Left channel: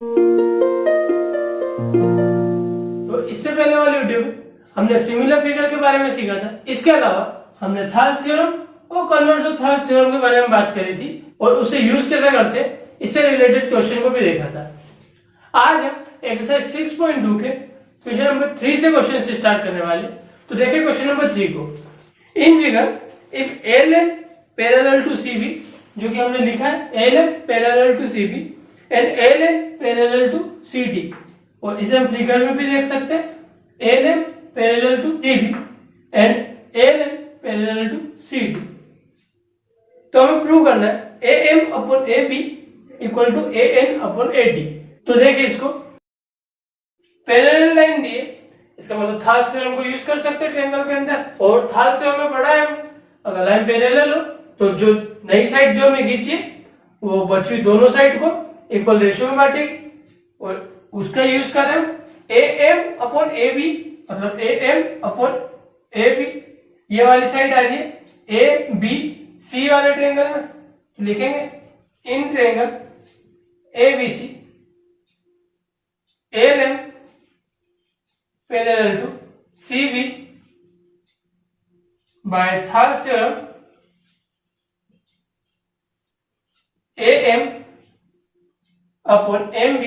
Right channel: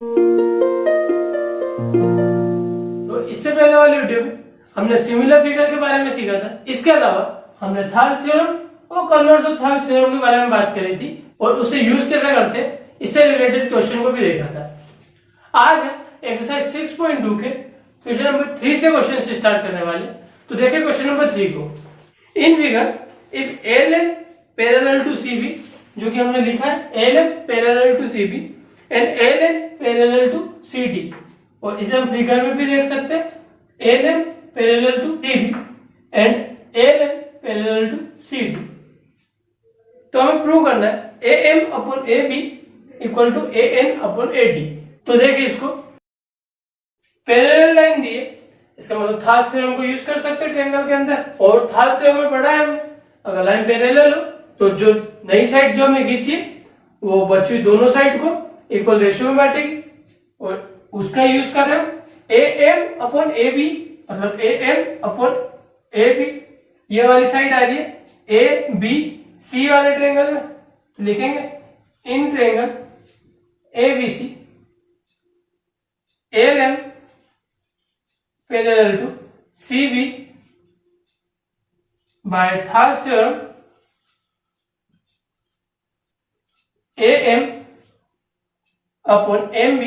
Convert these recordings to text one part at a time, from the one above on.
तो इससे पहले वाली वीडियो में हमने सिमिलर फिगर के बारे में सीखा था। इसके अलावा हमने थॉल्स थ्योरम और कन्वर्स ऑफ थॉल्स थ्योरम के बारे में बात करी थी और उसे यूज कैसे करते हैं इससे रिलेटेड क्वेश्चन को भी देखा था। आज हम एक्सरसाइज 6.2 के क्वेश्चन नंबर 3 से क्वेश्चन से स्टार्ट करने वाले। तो देखिए क्वेश्चन नंबर 3 को। In figure if ALM parallel to CB, जो कि हमने लिखा है ALM parallel to CB and ALN parallel to CD, और इसे हम फिगर में भी देख सकते हैं ALM parallel to CB and ALN parallel to CD। तो हमें प्रूव करना है AM upon AB equal to AN upon AD। तो देखिए इसको पैरेलल लाइन दी है, इसका मतलब थॉल्स थ्योरम को यूज कर सकते हैं ट्रायंगल के अंदर। और थॉल्स थ्योरम में पढ़ा है अगर लाइन पैरेलल हो तो जो नई साइड जो हमने खींची वो बची हुई दोनों साइड को इक्वल रेशियो में बांटेगी, और उसका यूज कर रहे हैं AM अपॉन AB, मतलब AM अपॉन AB। ये वाली साइड आ रही है ABC वाले ट्रायंगल में, तो लिखेंगे in triangle ABC ALM parallel to CB by Thales theorem AM upon MB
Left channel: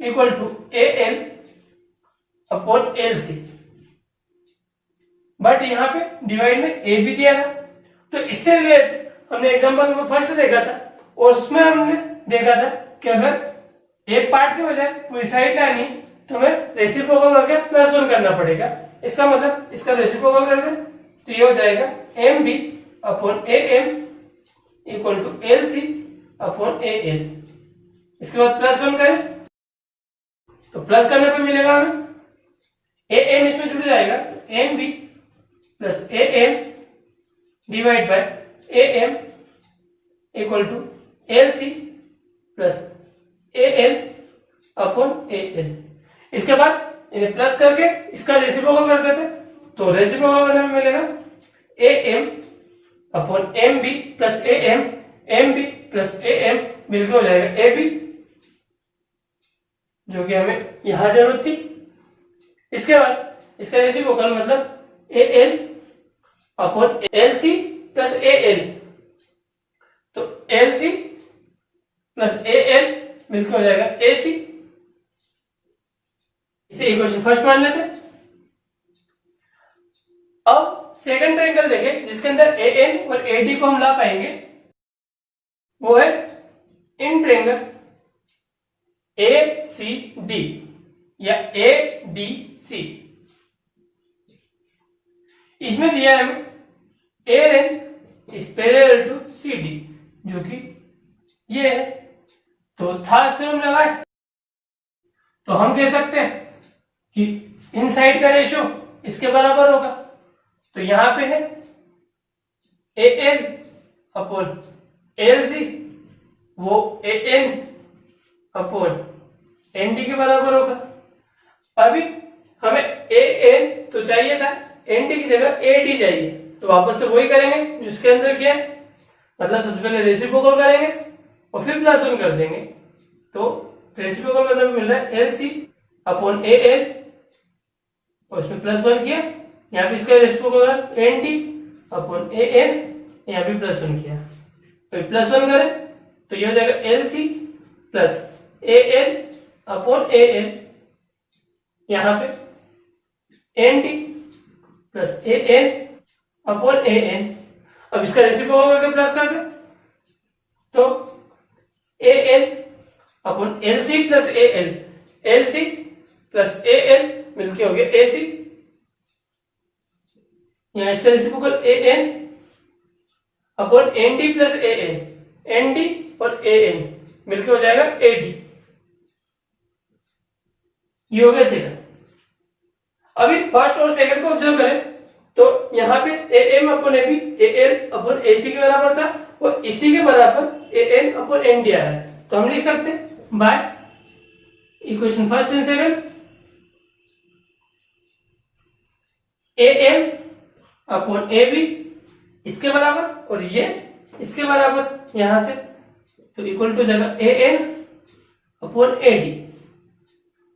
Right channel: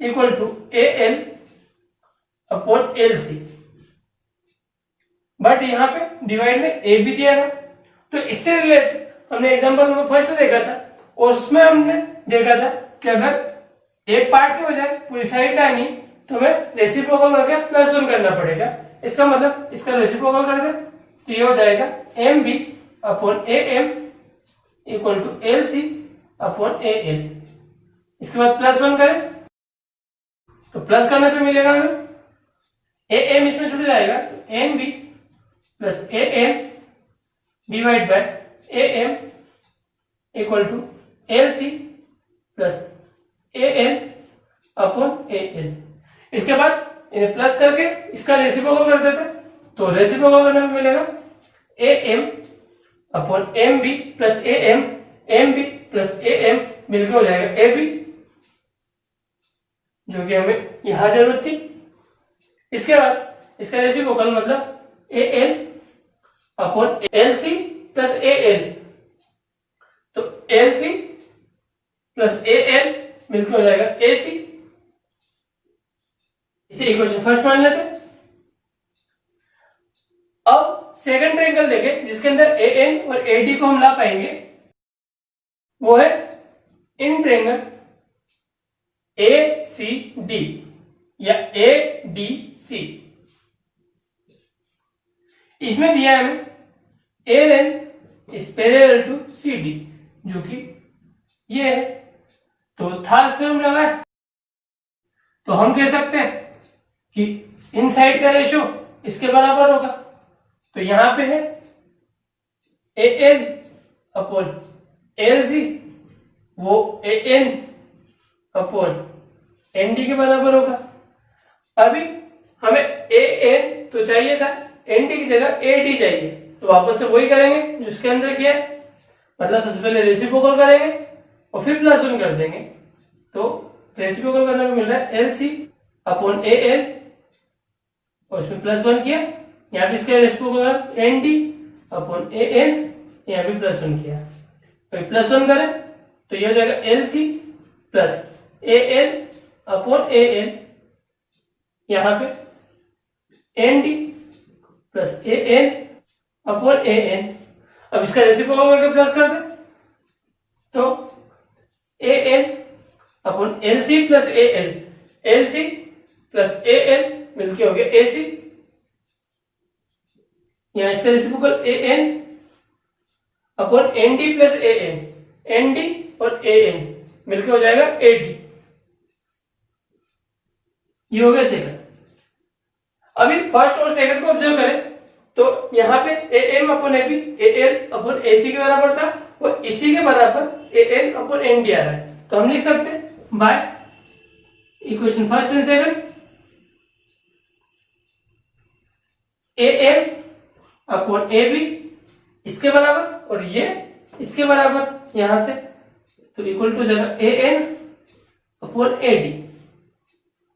equal to AL upon LC। But यहाँ पे डिवाइड में A भी दिया था, तो इससे रिलेटेड हमने एग्जांपल नंबर फर्स्ट देखा था और उसमें हमने देखा था कि अगर एक पार्ट के बजाय पूरी साइड का नहीं तो हमें रेसिप्रोकल करके प्लस 1 करना पड़ेगा। इसका मतलब इसका रेसिप्रोकल कर दे तो ये हो जाएगा MB upon AM equal to LC upon AL। इसके बाद प्लस 1 करें तो प्लस करने पे मिलेगा हमें AM इसमें जुड़ जाएगा, MB plus AM divide by AM equal to LC plus AL upon AL। इसके बाद इन्हें प्लस करके इसका रेसिप्रोकल कर देते, तो रेसिप्रोकल करने में मिलेगा AM upon MB plus AM, MB plus AM मिलकर हो जाएगा AB, जो कि हमें यहां जरूरत थी। इसके बाद इसका रेसिप्रोकल मतलब AL upon LC plus AL, तो LC प्लस AL मिलकर हो जाएगा AC। इसे इक्वेशन फर्स्ट मान लेते। अब सेकंड ट्रायंगल देखें जिसके अंदर AN और AD को हम ला पाएंगे, वो है इन ट्रायंगल ACD या ADC। इसमें दिया है हमें AN is parallel to CD, जो कि ये है। तो थॉल्स थ्योरम लगाए तो हम कह सकते हैं कि इन साइड का रेशियो इसके बराबर होगा। तो यहां पे है AL अपॉन LC, वो AN अपॉन MD के बराबर होगा। अभी हमें AN तो चाहिए था, ND की जगह AD चाहिए, तो वापस से वही करेंगे जिसके अंदर किया है, मतलब सबसे पहले रेसिप्रोकल करेंगे और फिर प्लस 1 कर देंगे। तो रेसिप्रोकल करने में मिल रहा है LC अपॉन AL और उसमें प्लस 1 किया, यहाँ पे इसका रेसिप्रोकल ND अपॉन AN, यहाँ पे प्लस 1 किया, तो प्लस 1 करें तो ये हो जाएगा LC plus AL upon AL, यहाँ पे ND plus AN upon AN। अब इसका रेसिप्रोकल करके प्लस कर दे तो AL upon LC plus AL, LC plus AL मिलके हो गया AC। यहाँ इसका reciprocal AN upon ND plus AN, ND और AN मिलके हो जाएगा AD। ये हो गया सेकंड। अभी फर्स्ट और सेकंड को ऑब्जर्व करें तो यहाँ पे AM upon AB AL upon AC के बराबर था, और इसी के बराबर AN अपॉन ND आ रहा है, तो हम लिख सकते हैं by equation first and second AM upon AB इसके बराबर और ये इसके बराबर, यहां से तो इक्वल टू जाएगा AN अपॉन AD।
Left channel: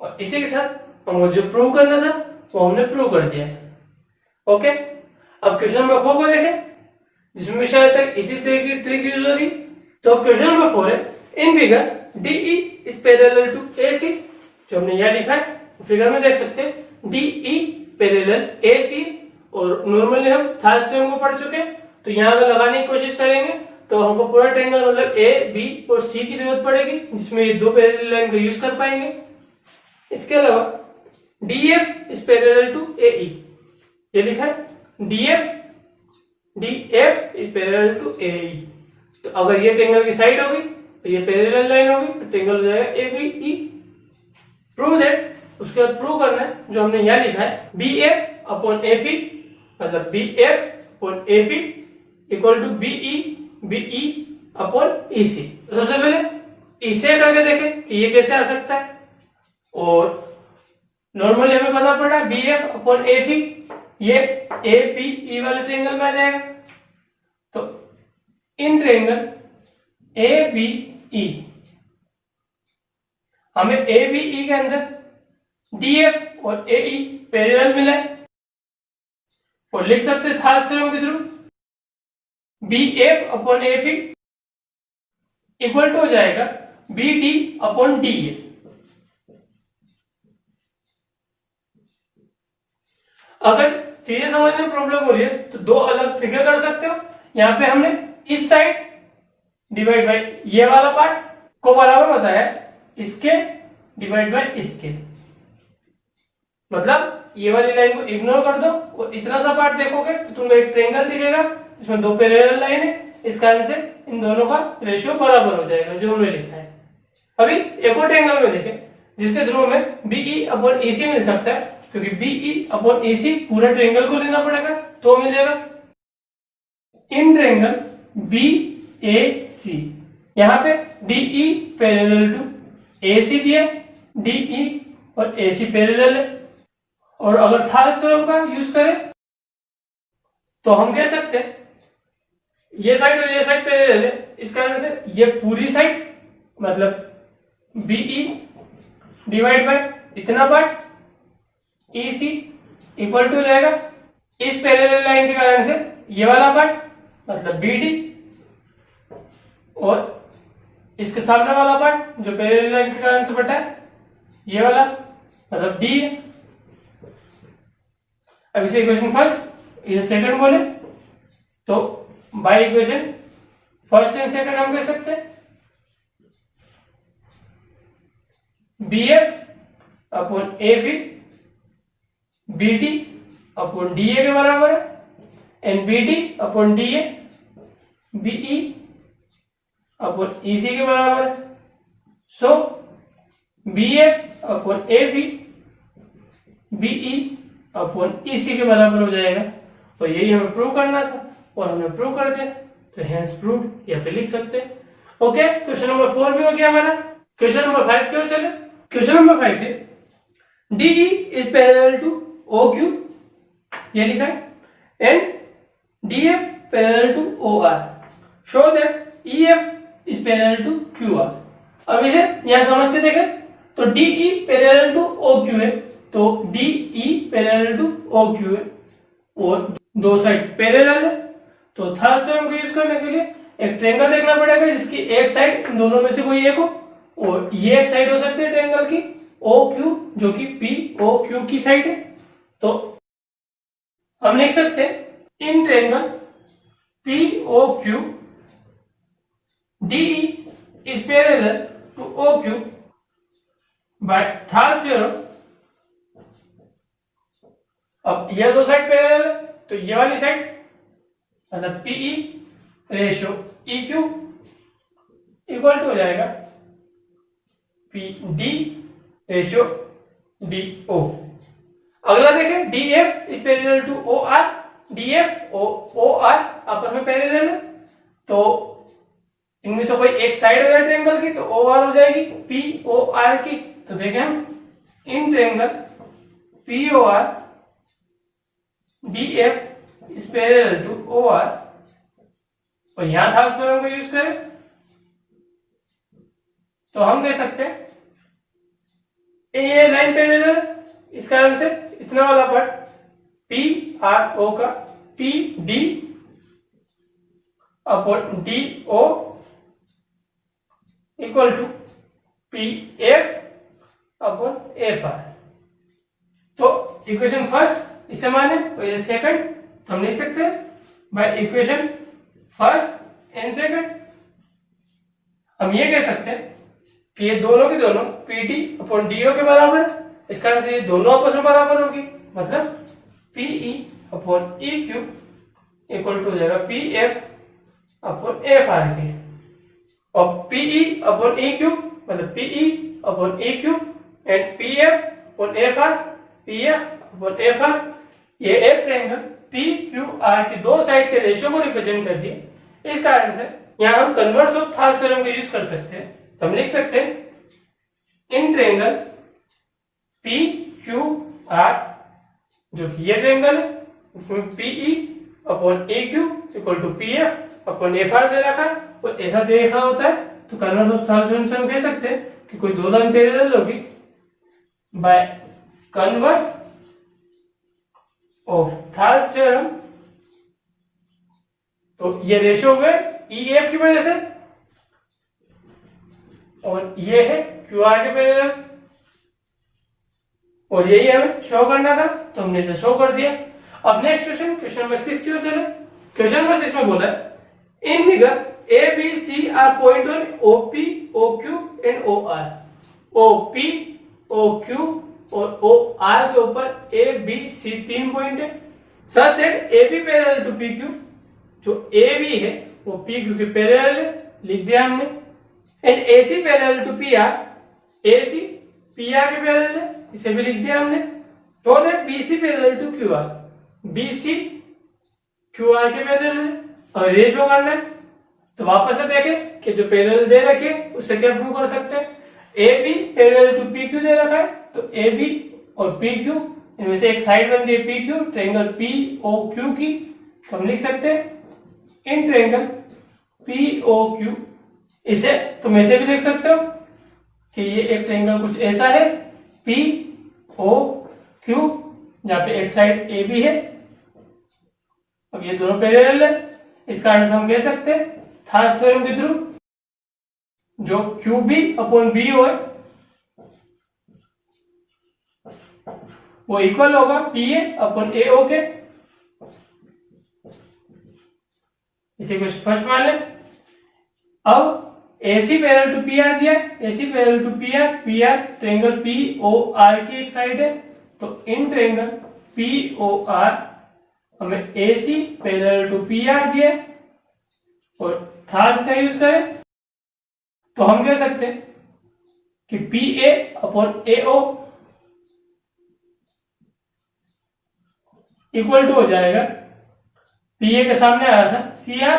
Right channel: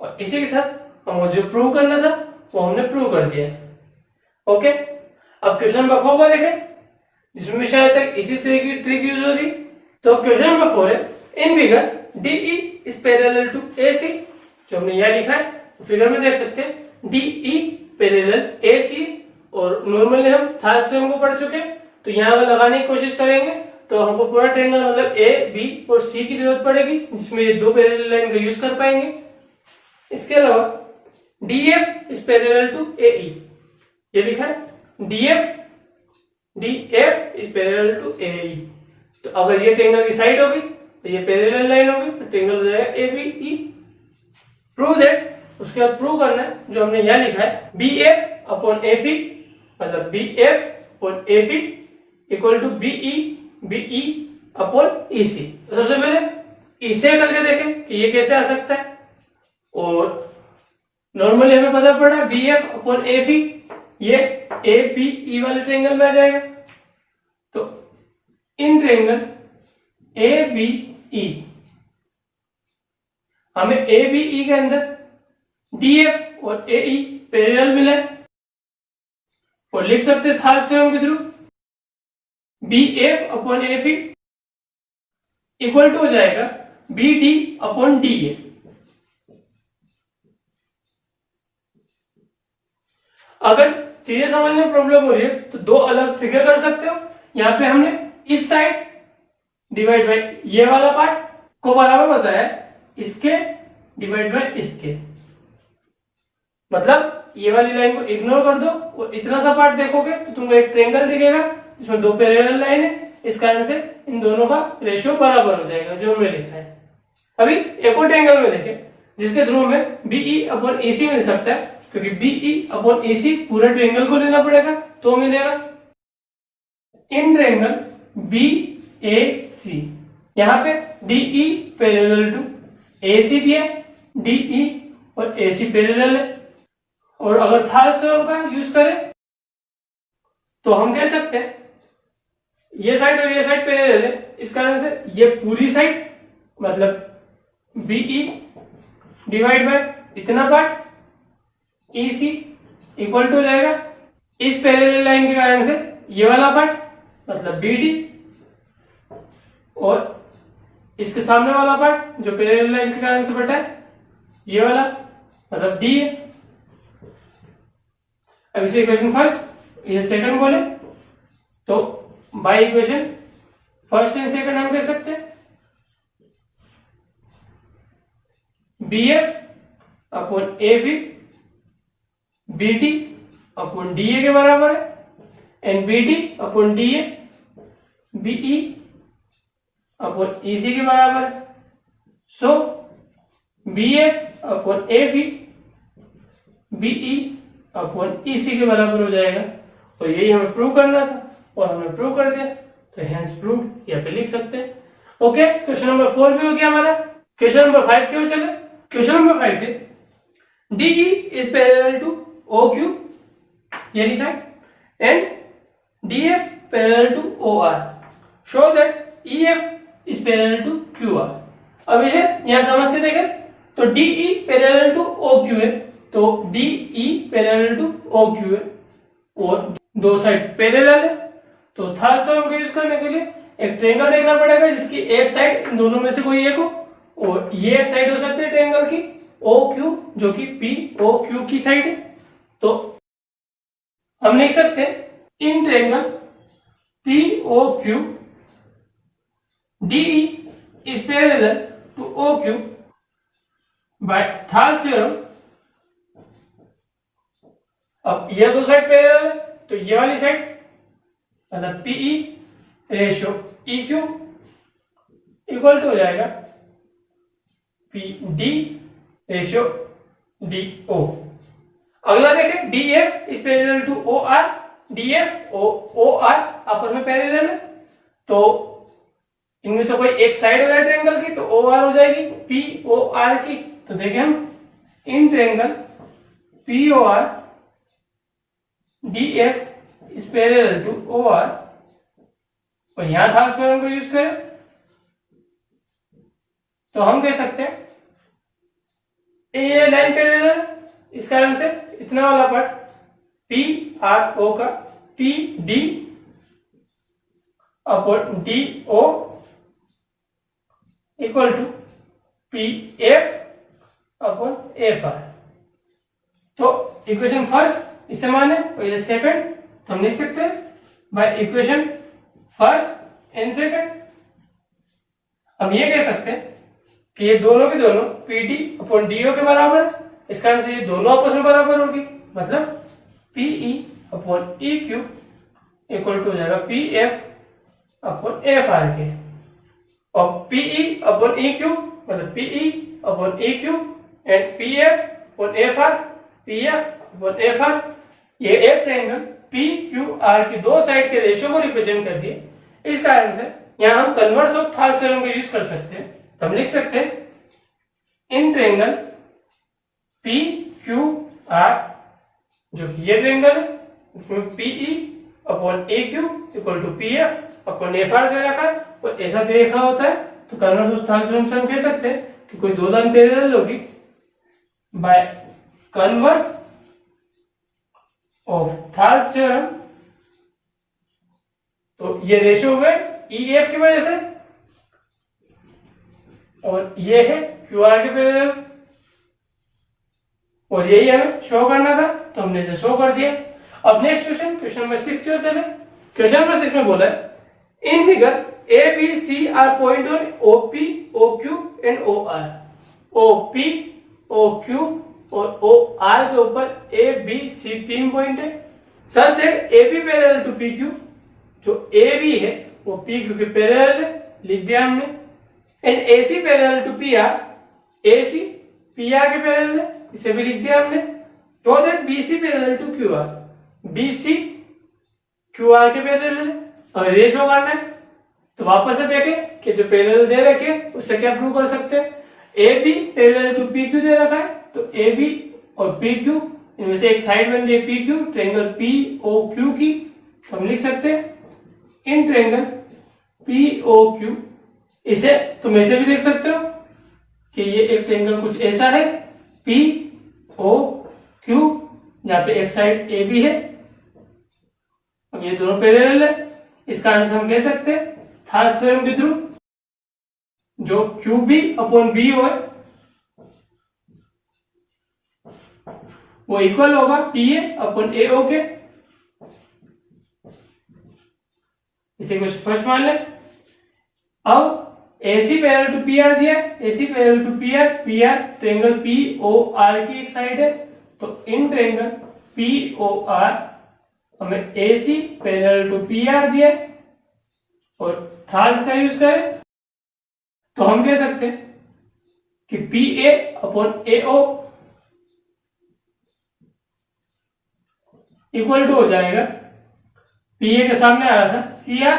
और इसी के साथ हमको जो प्रूव करना था वो हमने प्रूव कर दिया है। ओके, अब क्वेश्चन नंबर 4 को देखें, जिसमें शायद तक इसी तरह की ट्रिक यूज हो रही। तो क्वेश्चन नंबर 4 है, in figure DE is parallel to AC। जो हमने यहाँ लिखा है फिगर में देख सकते हैं DE पैरेलल AC। और नॉर्मली हम थर्ड थ्योरम को पढ़ चुके हैं, तो यहाँ अगर लगाने की कोशिश करेंगे तो हमको पूरा ट्रायंगल मतलब A, B और C की जरूरत पड़ेगी, जिसमें ये दो पैरेलल लाइन को यूज कर पाएंगे। इसके अलावा DF is parallel to AE, ये लिखा है DF is parallel to AE। तो अगर ये ट्रायंगल की साइड हो गई तो ये पैरेलल लाइन हो गई, तो ट्रायंगल हो जाएगा ABE। प्रूव दैट, उसके बाद प्रूव करना है जो हमने यहाँ लिखा है BF अपॉन AFE, मतलब BF upon AFE equal to BE upon EC। तो सबसे पहले इसे करके देखें कि ये कैसे आ सकता है। और नॉर्मली हमें पता पड़ा BF अपॉन AFE, ये ABE वाले ट्रायंगल में आ जाएगा। तो इन ट्रायंगल ABE हमें ABE के अंदर DF और AE पैरेलल मिला है, और लिख सकते हैं थर्ड थ्योरम के through BF upon AFE equal to हो जाएगा BD अपॉन DA। अगर चीजें समझने में प्रॉब्लम हो रही है तो दो अलग फिगर कर सकते हो। यहाँ पे हमने इस साइड डिवाइड बाय ये वाला पार्ट को बराबर बताया इसके डिवाइड बाय इसके, मतलब ये वाली लाइन को इग्नोर कर दो और इतना सा पार्ट देखोगे तो तुमको एक ट्रायंगल दिखेगा जिसमें दो पैरेलल लाइन है। इस कारण से इन दोनों का रेशियो बराबर हो जाएगा जो हमने लिखा है। अभी एक और ट्रायंगल में देखें जिसके थ्रू हमें BE अपॉन EC मिल सकता है, क्योंकि BE अपॉन EC पूरा ट्रायंगल को लेना पड़ेगा तो मिलेगा इन ट्रायंगल BAC। यहाँ पे DE पैरेलल टू AC दिया, DE और AC पैरेलल है। और अगर थर्ड थ्योरम का यूज करें तो हम कह सकते हैं ये साइड और ये साइड पैरेलल है, इस कारण से ये पूरी साइड मतलब BE डिवाइड बाय इतना पार्ट EC इक्वल टू हो जाएगा इस पैरेलल लाइन के कारण से ये वाला पार्ट मतलब BD, और इसके सामने वाला पार्ट जो पैरेलल लाइन के कारण से बटा है ये वाला मतलब DA। अब इसे इक्वेशन फर्स्ट ये सेकंड बोले तो by equation first and second हम कह सकते हैं BF upon AFE BD upon DA के बराबर है, and BD upon DA BE upon EC के बराबर है। सो BF upon AFE BE upon EC के बराबर हो जाएगा, और यही हमें प्रूव करना था और हमने प्रूव कर दिया, तो हेंस प्रूव यहाँ पे लिख सकते हैं। ओके, क्वेश्चन नंबर 4 भी हो गया हमारा। क्वेश्चन नंबर 5 क्यों चले। क्वेश्चन नंबर 5 है DE is parallel to OQ, ये लिखा है, and DF parallel to OR, show that EF is parallel to QR। अब इसे यहां समझ के देखें तो DE पैरेलल टू OQ है, तो DE पैरेलल टू OQ है और दो साइड पैरेलल है, तो थर्ड थ्योरम को यूज करने के लिए एक ट्रायंगल देखना पड़ेगा जिसकी एक साइड इन दोनों में से कोई एक हो, और ये एक साइड हो सकती है ट्रायंगल की OQ जो कि POQ की साइड है। तो हम लिख सकते हैं in triangle POQ DE is parallel to OQ by third theorem. अब ये दो साइड पैरेलल है तो ये वाली साइड मतलब PE ratio EQ equal to हो जाएगा PD रेशियो DO। अगला देखें DF is parallel to OR, DF OR आपस में पैरेलल है, तो इनमें से कोई एक साइड हो जाए ट्रायंगल की तो OR हो जाएगी POR की। तो देखें हम in triangle POR DF is parallel to OR, और यहां थर्ड थ्योरम को यूज करें तो हम कह सकते हैं ये लाइन पैरेलल, इस कारण से इतना वाला पार्ट पी आर ओ का P D upon D O equal to P F upon F R. तो इक्वेशन फर्स्ट इसे माने और ये सेकंड, तो हम लिख सकते हैं by equation first and second. हम ये कह सकते हैं कि ये दोनों के दोनों P D upon D O के बराबर है, इस कारण से ये दोनों आपस में बराबर होगी, मतलब P E upon E Q equal to हो जाएगा P F upon F R के। और पीई अपॉन ई क्यू मतलब P E upon E Q and P F upon F R, P F upon F R, ये एक ट्रायंगल पी क्यू आर की दो side के रेशियो को रिप्रेजेंट करती है। इस कारण से यहाँ हम कन्वर्स ऑफ थाल थ्योरम का यूज कर सकते हैं। तो हम लिख सकते हैं in triangle P Q R, जो कि ये ट्रायंगल है, इसमें P E upon A Q equal to P F upon F R दे रखा है और ऐसा दे रखा होता है, तो कन्वर्स ऑफ थाल थ्योरम से हम कह सकते हैं कि कोई दो लाइन पैरेलल होगी by converse of thalas theorem. तो ये रेशियो हुए ई एफ की वजह से और ये है क्यू आर के पैरेलल, और यही हमें शो करना था, तो हमने इसे शो कर दिया। अब नेक्स्ट क्वेश्चन, क्वेश्चन नंबर 6 क्यों चले। क्वेश्चन नंबर 6 में बोला है in figure A B C are point on O P O Q and O R. O P O Q और ओ आर के ऊपर ए बी सी तीन पॉइंट है, such that A B parallel to P Q, जो A B है वो P Q के parallel है, लिख दिया हमने। And A C parallel to P R, A C P R के पैरेलल है, इसे भी लिख दिया हमने। तो that B C parallel to Q R, B C Q R के पैरेलल है। और रेशियो करना है तो वापस से देखें कि जो पैरेलल दे रखी है उससे क्या प्रूव कर सकते हैं। A B parallel to P Q दे रखा है, तो ए बी और पी क्यू इनमें से एक साइड बन रही है P Q, triangle P O Q की, तो हम लिख सकते हैं in triangle P O Q. इसे तुम ऐसे भी देख सकते हो कि ये एक ट्रायंगल कुछ ऐसा है पी ओ क्यू, जहां पे एक साइड ए बी है। अब ये दोनों पैरेलल है, इस कारण से हम कह सकते हैं थाल्स थ्योरम के थ्रू जो Q B upon B O है वो इक्वल होगा पी ए अपॉन ए ओ के। इसे कुछ फर्स्ट मान ले। अब A C parallel to P R दिया, A C parallel to P R triangle P O R की एक साइड है, तो in triangle P O R हमें A C parallel to P R दिया और थाल्स का यूज करें तो हम कह सकते हैं कि P A upon A O equal to हो जाएगा पी ए के सामने आ रहा था सी आर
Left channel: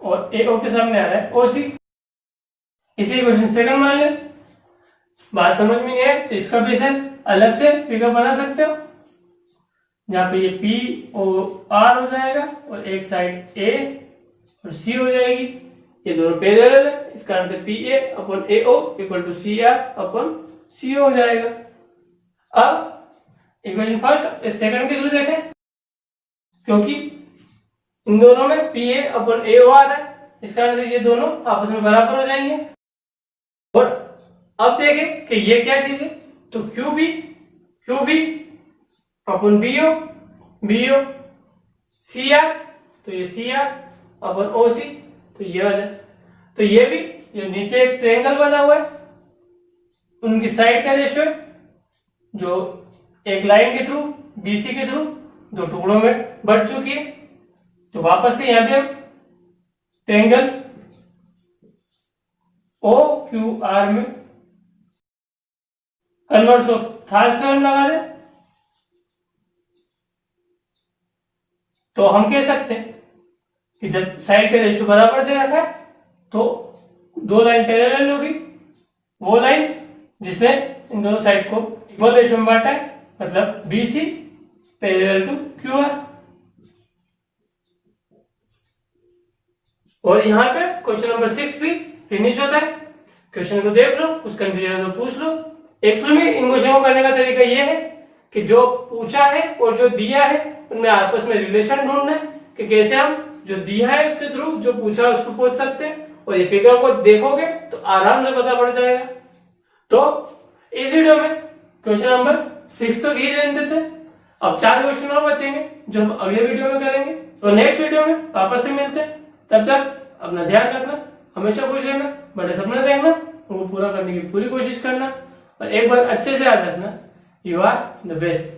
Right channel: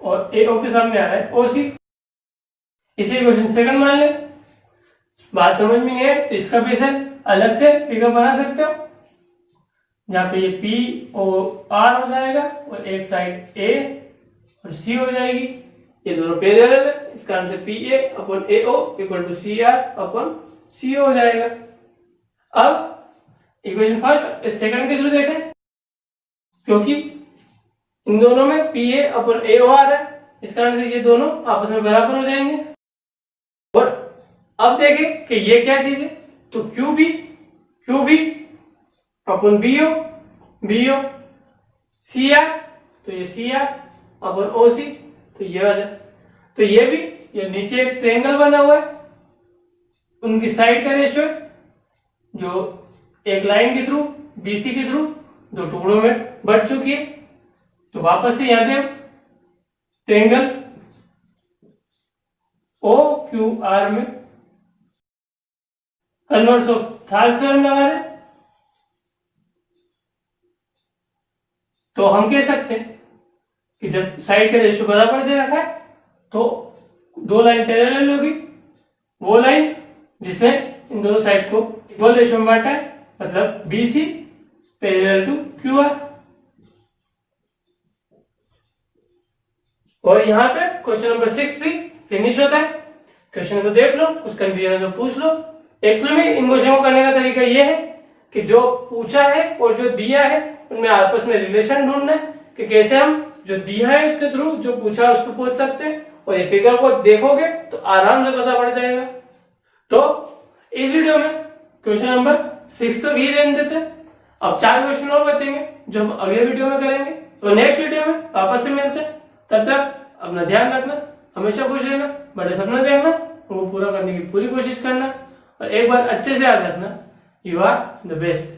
और ए ओ के सामने आ रहा है ओ सी। इसी क्वेश्चन सेकंड मान ले। बात समझ में है तो इसका भी से अलग से फिगर बना सकते हो, जहां पे ये पी ओ आर हो जाएगा और एक साइड ए और सी हो जाएगी। ये दोनों पैरेलल है, इस कारण से P A upon A O equal to C R upon C हो जाएगा। अब इक्वेशन फर्स्ट सेकंड के थ्रू देखें, क्योंकि इन दोनों में P A upon A O R है, इस कारण से ये दोनों आपस में बराबर हो जाएंगे। और अब देखें कि ये क्या चीज है, तो Q B upon B O C R, तो ये सी आर अपॉन ओ सी, तो ये वाला। तो ये भी ये नीचे एक ट्रायंगल बना हुआ है, उनकी साइड का रेशियो है जो एक लाइन के थ्रू बीसी के थ्रू दो टुकड़ों में बढ़ चुकी है। तो वापस से यहां पे ट्रायंगल ओ क्यू आर में कन्वर्स ऑफ थाल्स थ्योरम लगा दें तो हम कह सकते हैं कि जब साइड का रेशियो बराबर दे रखा है तो दो लाइन पैरेलल होगी। वो लाइन जिसने इन दोनों साइड को इक्वल रेशियो में बांटा है, मतलब BC पैरेलल टू QR। और यहाँ पे क्वेश्चन नंबर 6 भी फिनिश होता है। क्वेश्चन को देख लो, कुछ कंफ्यूजन है तो पूछ लो। एक्चुअली में इन क्वेश्चन को करने का तरीका ये है कि जो पूछा है और जो दिया है उनमें आपस में रिलेशन ढूंढना है कि कैसे हम जो दिया है उसके थ्रू जो पूछा है उसको पूछ सकते हैं, और ये फिगर को देखोगे तो आराम से पता पड़ जाएगा। तो इस वीडियो में क्वेश्चन नंबर 6 तक ही रहने देते हैं। अब 4 क्वेश्चन और बचेंगे जो हम अगले वीडियो में करेंगे। तो नेक्स्ट वीडियो में वापस से मिलते हैं। तब तक अपना ध्यान रखना, हमेशा खुश रहना, बड़े सपने देखना, वो पूरा करने की पूरी कोशिश करना, और एक बार अच्छे से याद रखना, यू आर द बेस्ट।